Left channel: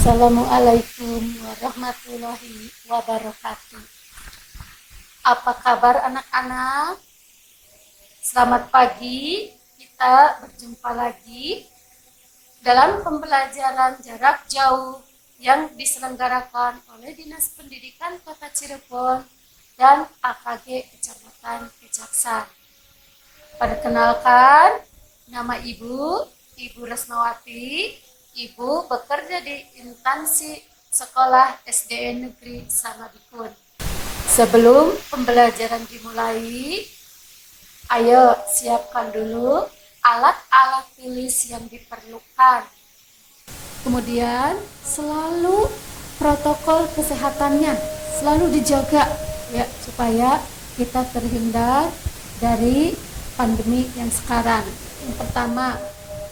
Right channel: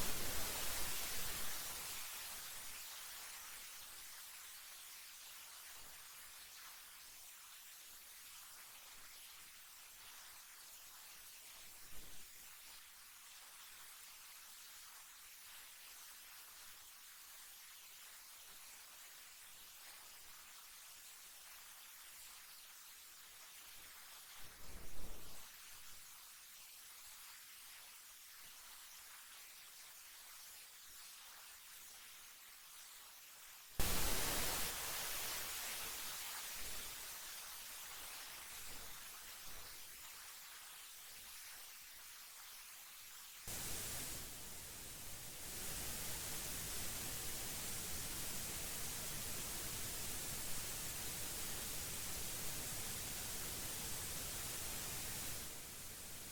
Assalamualaikum warahmatullahi wabarakatuh. Apa kabar anak-anak? Selamat pagi, kita berjumpa lagi dalam pembelajaran jarak jauh yang diselenggarakan oleh Dinas Pendidikan Kota Cirebon dan AKG Kecamatan Kejaksan. Perkenalkan, nama Ibu Resnawati. Ibu bekerja di instansi sekolah SDN Negeri Samadikun. Sebelum pembelajaran dimulai, ayo siapkan dulu alat-alat tulis yang diperlukan. Kemudian selalu protokol kesehatannya selalu dijaga ya, supaya kita terhindar dari pandemi yang sekarang. Yang pertama,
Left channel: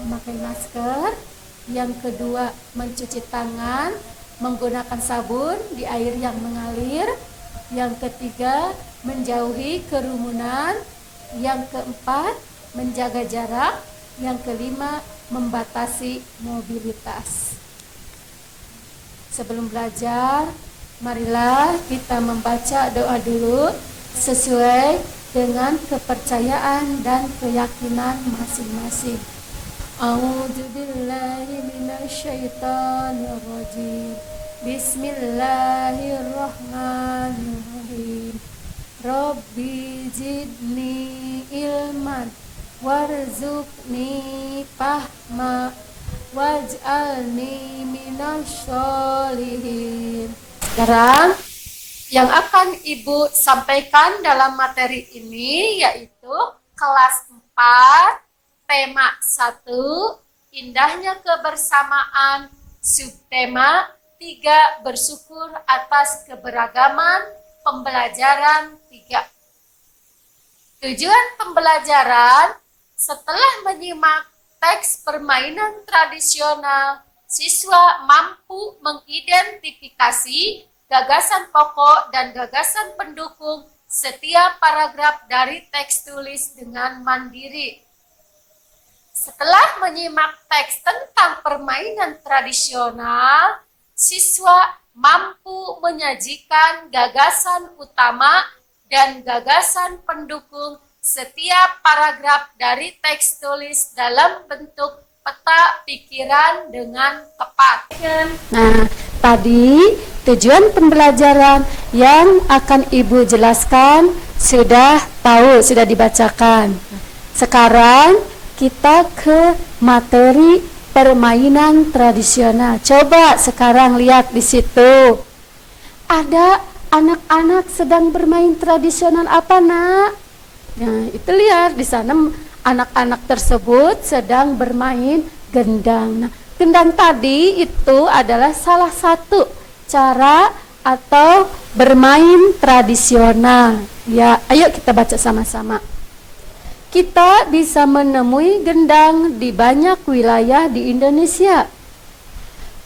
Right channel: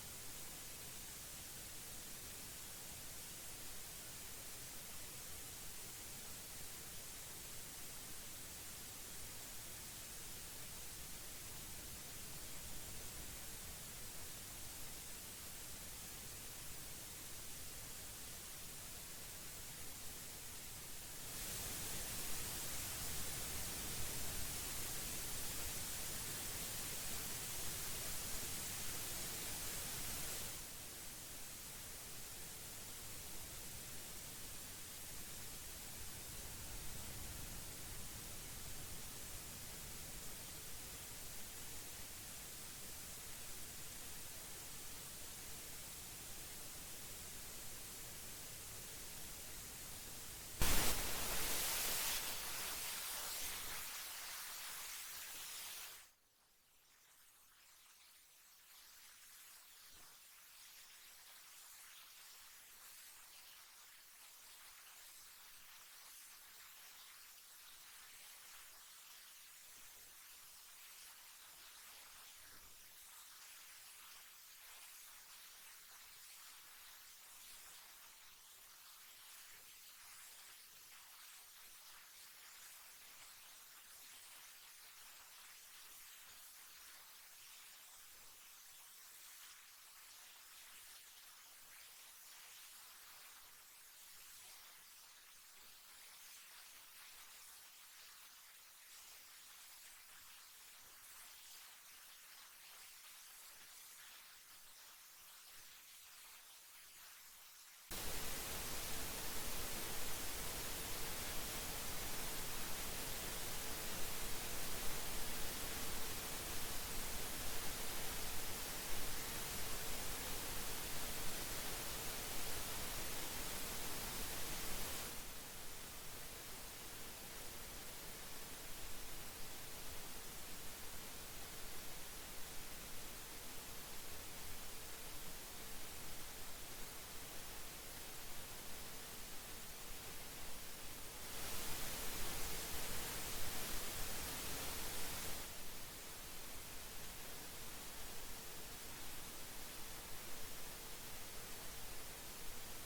memakai masker. Yang kedua, mencuci tangan menggunakan sabun di air yang mengalir. Yang ketiga, menjauhi kerumunan. Yang keempat, menjaga jarak. Yang kelima, membatasi mobilitas. Sebelum belajar, marilah kita membaca doa dulu sesuai dengan kepercayaan dan keyakinan masing-masing. A'udzu billahi minasyaitonir rajim. Bismillahirrahmanirrahim. Rabbi zidni ilman warzuqni fahma waj'alni minasyolihin. Sekarang yang akan Ibu sampaikan dalam materi ini yaitu kelas 4, tema 1, indahnya kebersamaan, subtema 3, bersyukur atas keberagaman, pembelajaran 3. Tujuan pembelajaran, setelah menyimak teks permainan tradisional, siswa mampu mengidentifikasi gagasan pokok dan gagasan pendukung setiap paragraf dari teks tulis dengan mandiri. Setelah menyimak teks tentang permainan tradisional, siswa mampu menyajikan gagasan utama dan gagasan pendukung setiap paragraf dari teks tulis dalam bentuk peta pikiran dengan tepat. Nah, tadi tujuan pembelajaran yang akan Ibu jelaskan sudah tahu, sudah dibacakan. Sekarang kita ke materi permainan tradisional. Coba sekarang lihat di situ. Ada anak-anak sedang bermain tradisional apa, Nak? Nah, itu lihat di sana anak-anak tersebut sedang bermain gendang. Nah, gendang tadi itu adalah salah satu cara atau bermain tradisional. Ya, ayo kita baca sama-sama. Kita bisa menemui gendang di banyak wilayah di Indonesia.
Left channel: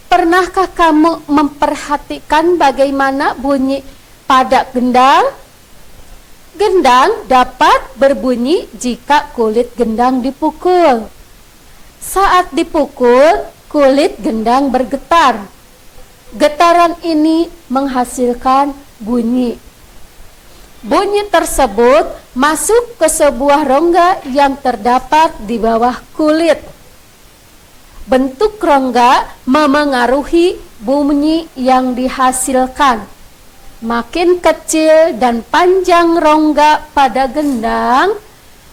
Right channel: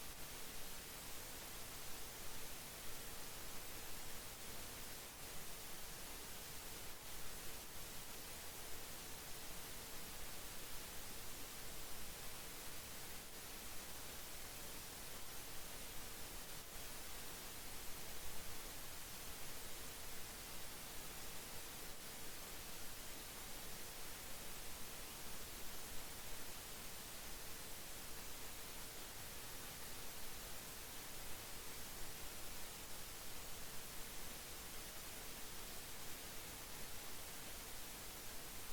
Pernahkah kamu memperhatikan bagaimana bunyi pada gendang? Gendang dapat berbunyi jika kulit gendang dipukul. Saat dipukul, kulit gendang bergetar. Getaran ini menghasilkan bunyi. Bunyi tersebut masuk ke sebuah rongga yang terdapat di bawah kulit. Bentuk rongga memengaruhi bunyi yang dihasilkan. Makin kecil dan panjang rongga pada gendang,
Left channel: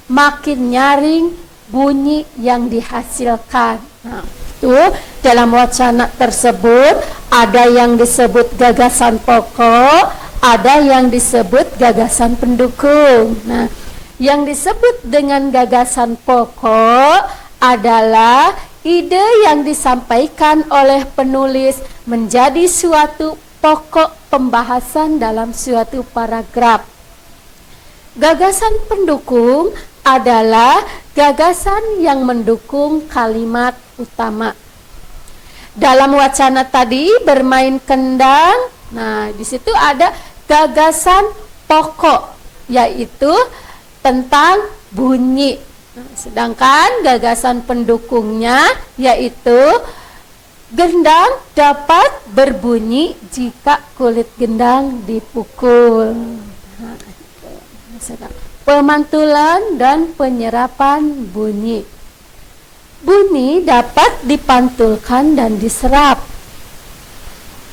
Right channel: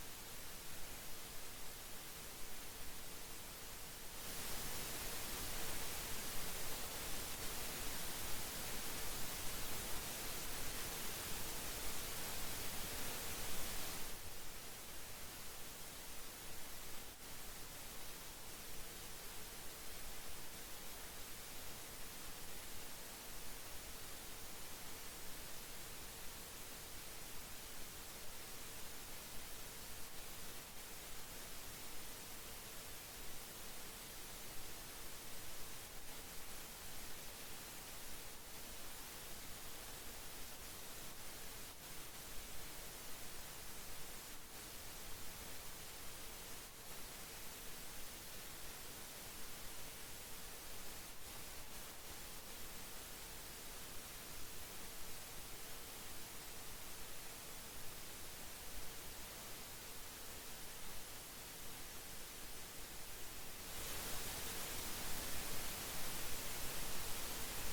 makin nyaring bunyi yang dihasilkan. Nah, itu dalam wacana tersebut ada yang disebut gagasan pokok, ada yang disebut gagasan pendukung. Nah, yang disebut dengan gagasan pokok adalah ide yang disampaikan oleh penulis menjadi suatu pokok pembahasan dalam suatu paragraf. Gagasan pendukung adalah gagasan yang mendukung kalimat utama. Dalam wacana tadi bermain kendang, nah di situ ada gagasan pokok, yaitu tentang bunyi. Sedangkan gagasan pendukungnya yaitu Gendang dapat berbunyi jika kulit gendang dipukul. Nah, pemantulan dan penyerapan bunyi. Bunyi dapat dipantulkan dan diserap.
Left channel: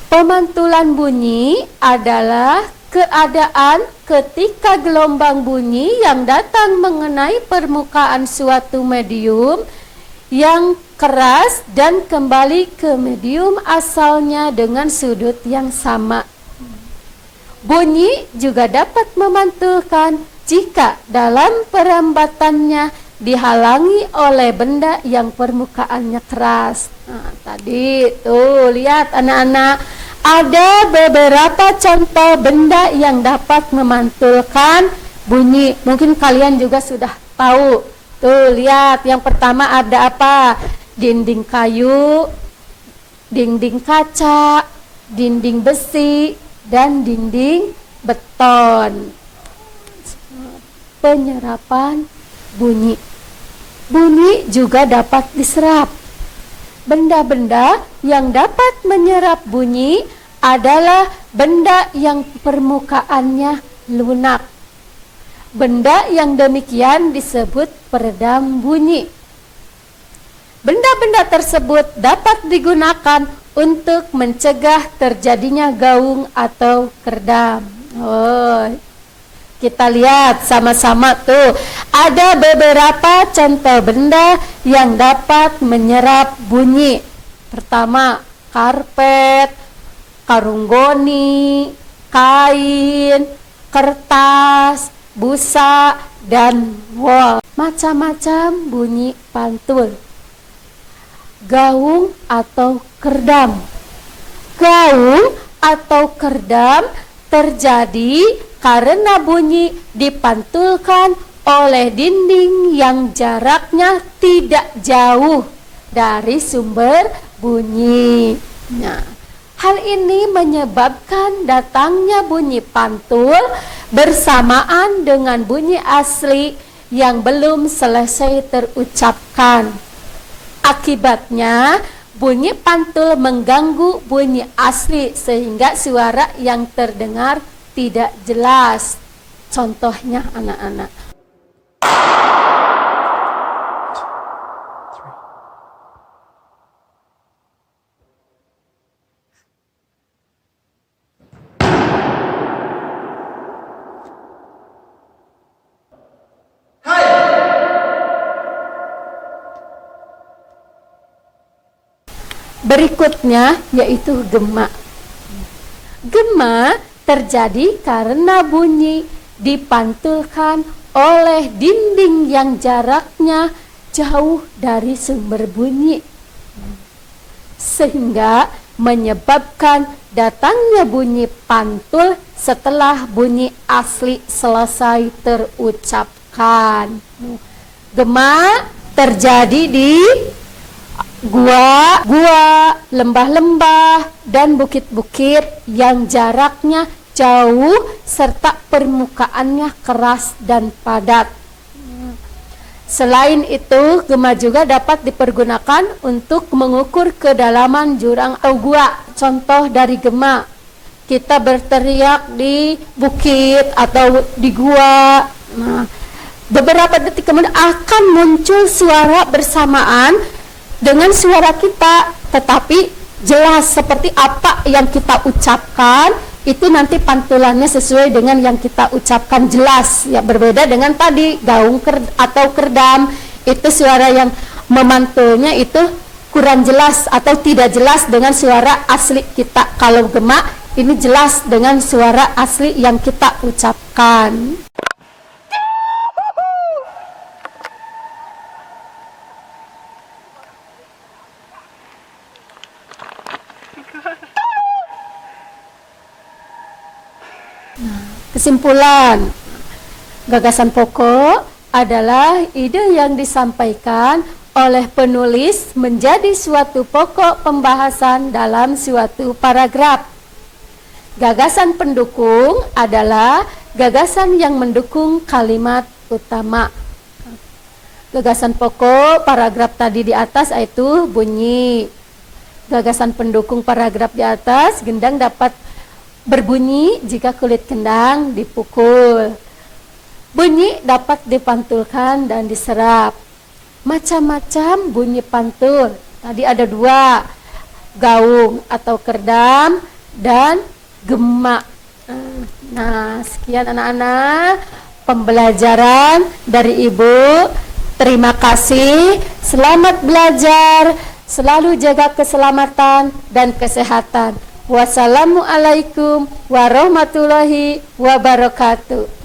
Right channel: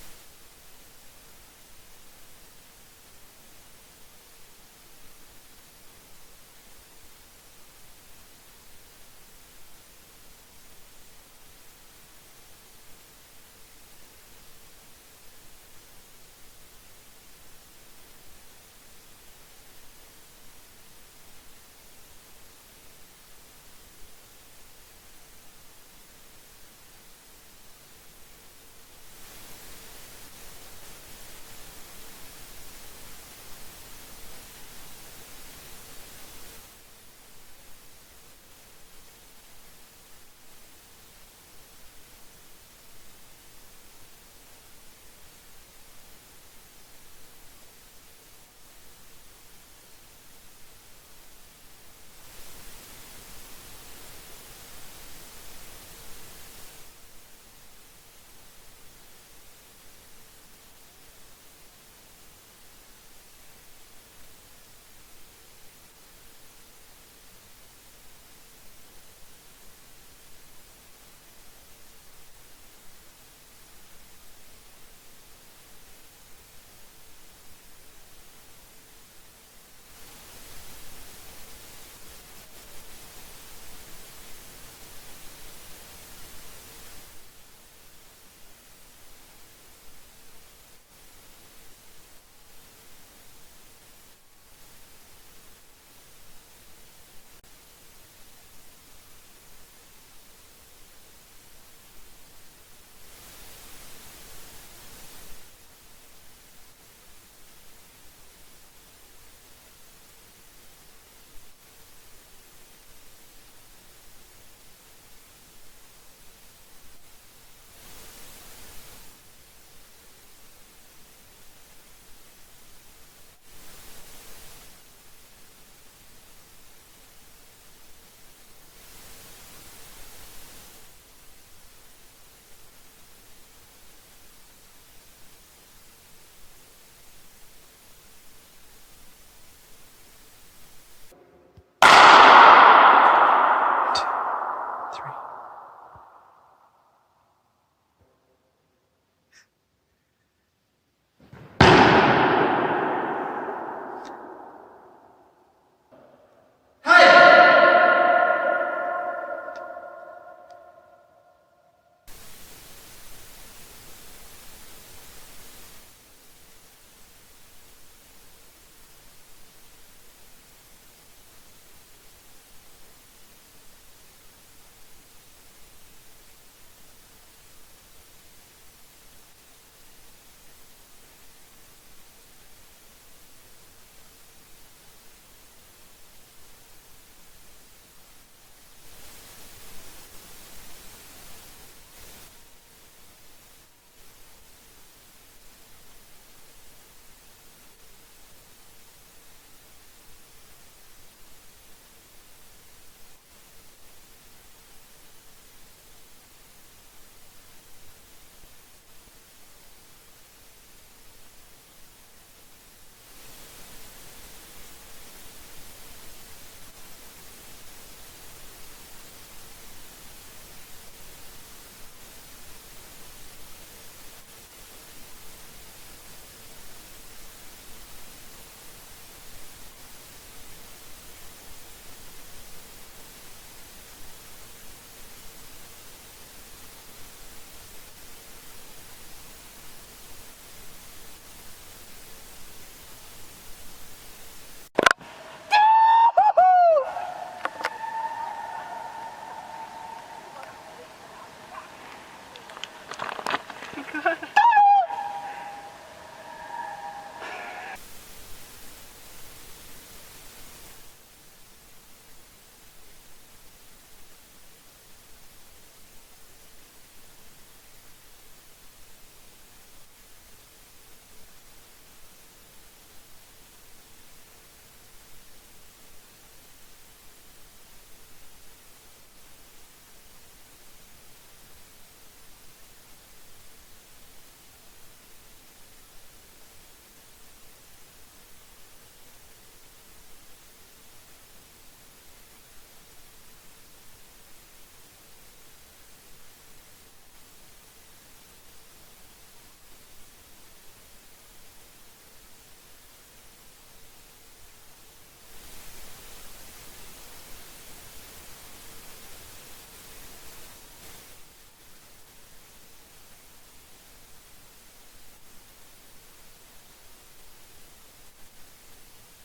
Pemantulan bunyi adalah keadaan ketika gelombang bunyi yang datang mengenai permukaan suatu medium yang keras dan kembali ke medium asalnya dengan sudut yang sama. Bunyi juga dapat memantulkan jika dalam perambatannya dihalangi oleh benda yang permukaannya keras. Nah, tadi tuh lihat anak-anak, ada beberapa contoh benda yang dapat memantulkan bunyi. Mungkin kalian juga sudah tahu. Tuh lihat, yang pertama ada apa? Dinding kayu, dinding kaca, dinding besi, dan dinding beton. Penyerapan bunyi. Bunyi juga dapat diserap. Benda-benda yang dapat menyerap bunyi adalah benda yang permukaannya lunak. Benda yang demikian disebut peredam bunyi. Benda-benda tersebut dapat digunakan untuk mencegah terjadinya gaung atau kerdam. Oh, kita lihat sama-sama tuh. Ada beberapa contoh benda yang dapat menyerap bunyi. Pertama, karpet, karung goni, kain, kertas, busa, dan wol. Macam-macam bunyi pantul. Gaung atau kerdam. Gaung atau kerdam terjadi karena bunyi dipantulkan oleh dinding yang jaraknya tidak jauh dari sumber bunyi. Nah, hal ini menyebabkan datangnya bunyi pantul bersamaan dengan bunyi asli yang belum selesai terucapkan. Akibatnya, bunyi pantul mengganggu bunyi asli sehingga suara yang terdengar tidak jelas. Contohnya anak-anak. Berikutnya yaitu gema. Gema terjadi karena bunyi dipantulkan oleh dinding yang jaraknya jauh dari sumber bunyi, sehingga menyebabkan datangnya bunyi pantul setelah bunyi asli selesai terucapkan. Gema terjadi di gua, lembah-lembah, dan bukit-bukit yang jaraknya jauh serta permukaannya keras dan padat. Selain itu, gema juga dapat dipergunakan untuk mengukur kedalaman jurang atau gua. Contoh dari gema, kita berteriak di bukit atau di gua. Nah, beberapa detik kemudian akan muncul suara bersamaan dengan suara kita, tetapi jelas seperti apa yang kita ucapkan, itu nanti pantulannya sesuai dengan yang kita ucapkan jelas. Ya, berbeda dengan tadi gaung atau kerdam, itu suara yang memantulnya itu kurang jelas atau tidak jelas dengan suara asli kita. Kalau gema ini jelas dengan suara asli yang kita ucapkan. Kesimpulan, gagasan pokok adalah ide yang disampaikan oleh penulis menjadi suatu pokok pembahasan dalam suatu paragraf. Gagasan pendukung adalah gagasan yang mendukung kalimat utama. Gagasan pokok paragraf tadi di atas yaitu bunyi. Gagasan pendukung paragraf di atas, gendang dapat berbunyi jika kulit kendang dipukul. Bunyi dapat dipantulkan dan diserap. Macam-macam bunyi pantul. Tadi ada 2, gaung atau kerdam dan gema. Nah, sekian anak-anak pembelajaran dari Ibu. Terima kasih. Selamat belajar. Selalu jaga keselamatan dan kesehatan. Wassalamualaikum warahmatullahi wabarakatuh.